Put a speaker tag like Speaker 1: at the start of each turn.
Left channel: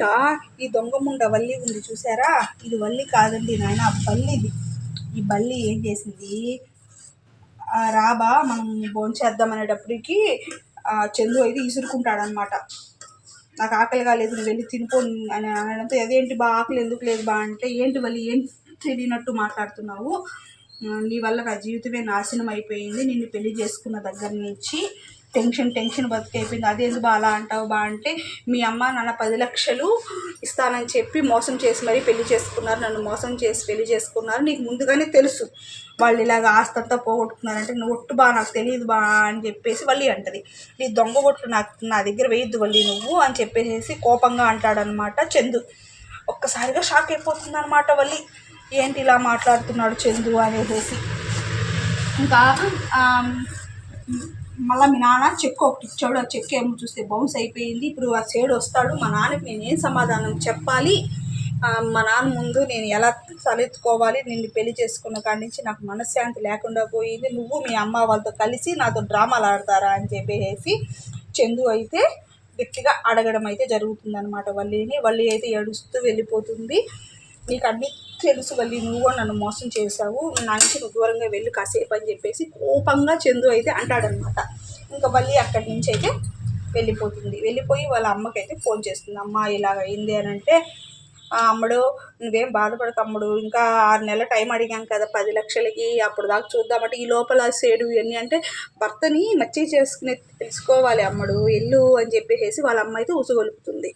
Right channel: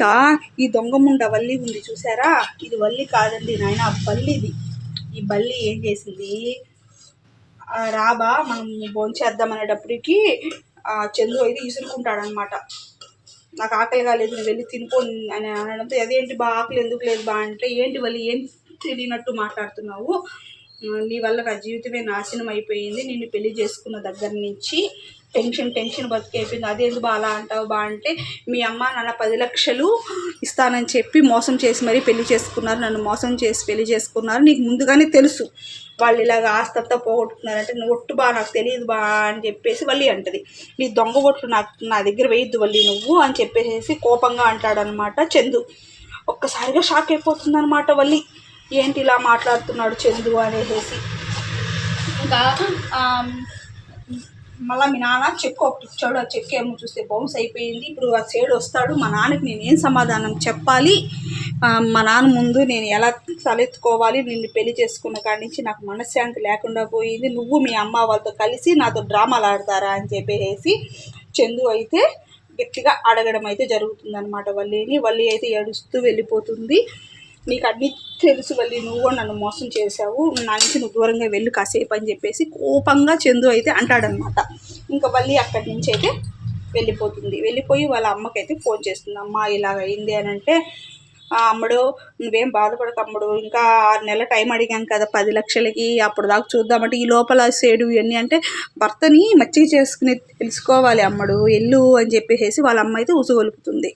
Speaker 1: ఇంకా ఈ దొంగ ముండ వల్లి ఉంది చూసారా? ఇది వల్లి కాదండి నాయన బల్లిది. ఈ బల్లి ఏం చేసింది? రాబా మనం భోంచేద్దాం అనేటప్పటికి ఆ చందు అయితే ఇసురుకుంటాడనమాట నాకు ఆకలి కాలేదు నువ్వు వెళ్ళి తినిపో అని అనడంతో అదేంటి బా ఆకలి ఎందుకు లేదు బా అంటే ఏంటి వల్లి ఏం తెలియనట్టు మాట్లాడుతున్నావు? నీ వల్ల నా జీవితమే నాశనం అయిపోయింది. నిన్ను పెళ్ళి చేసుకున్న దగ్గర నుంచి టెన్షన్ టెన్షన్ బతికైపోయింది. అదేంది బా అలా అంటావు బా అంటే మీ అమ్మ నాన్న పది లక్షలు ఇస్తానని చెప్పి మోసం చేసి మరీ పెళ్ళి చేసుకున్నారు. నన్ను మోసం చేసి పెళ్ళి చేసుకున్నారు. నీకు ముందుగానే తెలుసు. వాళ్ళు ఇలాగ ఆస్తంతా పోగొట్టుకున్నారంటే నువ్వు ఒట్టు బా నాకు తెలియదు బా అని చెప్పేసి వల్లి అంటది. నీ దొంగ ఒట్లు నాకు నా దగ్గర వేయద్దు వల్లి నువ్వు అని చెప్పేసి కోపంగా అంటాడనమాట చందు. ఒక్కసారిగా షాక్ అయిపోతుంది అనమాట వల్లి. ఏంటి ఇలా మాట్లాడుతున్నాడు చందు అనేసి ఇంకా మళ్ళీ మీ నాన్న చెక్ ఒకటి ఇచ్చాడు ఆ చెక్ ఏమో చూస్తే బౌన్స్ అయిపోయింది. ఇప్పుడు ఆ సైడ్ వస్తాడు మా నాన్నకి నేను ఏం సమాధానం చెప్పాలి? మా నాన్న ముందు నేను ఎలా తలెత్తుకోవాలి? నిన్ను పెళ్ళి చేసుకున్న కాడి నుంచి నాకు మనశ్శాంతి లేకుండా పోయింది. నువ్వు మీ అమ్మ వాళ్ళతో కలిసి నాతో డ్రామాలు ఆడతారా అని చెప్పేసి చందు అయితే గట్టిగా అడగడం అయితే జరుగుతుందన్నమాట. వల్లిని వల్లి అయితే ఏడుస్తూ వెళ్ళిపోతుంది. నీకు అన్నీ తెలుసు వెళ్ళి నువ్వు కూడా నన్ను మోసం చేశావు. నా నుంచి నువ్వు దూరంగా వెళ్ళి కాసేపు అని చెప్పేసి కోపంగా చందు అయితే అంటాడనమాట ఇంకా వల్లి అక్కడి నుంచి అయితే వెళ్ళిపోతుంది. వెళ్ళిపోయి వాళ్ళ అమ్మకైతే ఫోన్ చేస్తుంది. అమ్మ ఇలాగ అయింది అని అంటే అమ్మడు అమ్ముడు నువ్వేం బాధపడకు అమ్ముడు ఇంకా ఆరు నెలల టైం అడిగాం కదా పది లక్షలకి. అప్పుడు దాకా చూద్దామంటే ఈ లోపల సేడు ఇవన్నీ అంటే భర్తని మచ్చి చేసుకుని తెలుసుకోవాలి అమ్మడు. ఎల్లు అని చెప్పేసి వాళ్ళ అమ్మ అయితే ఉసుగొలుపుతుంది.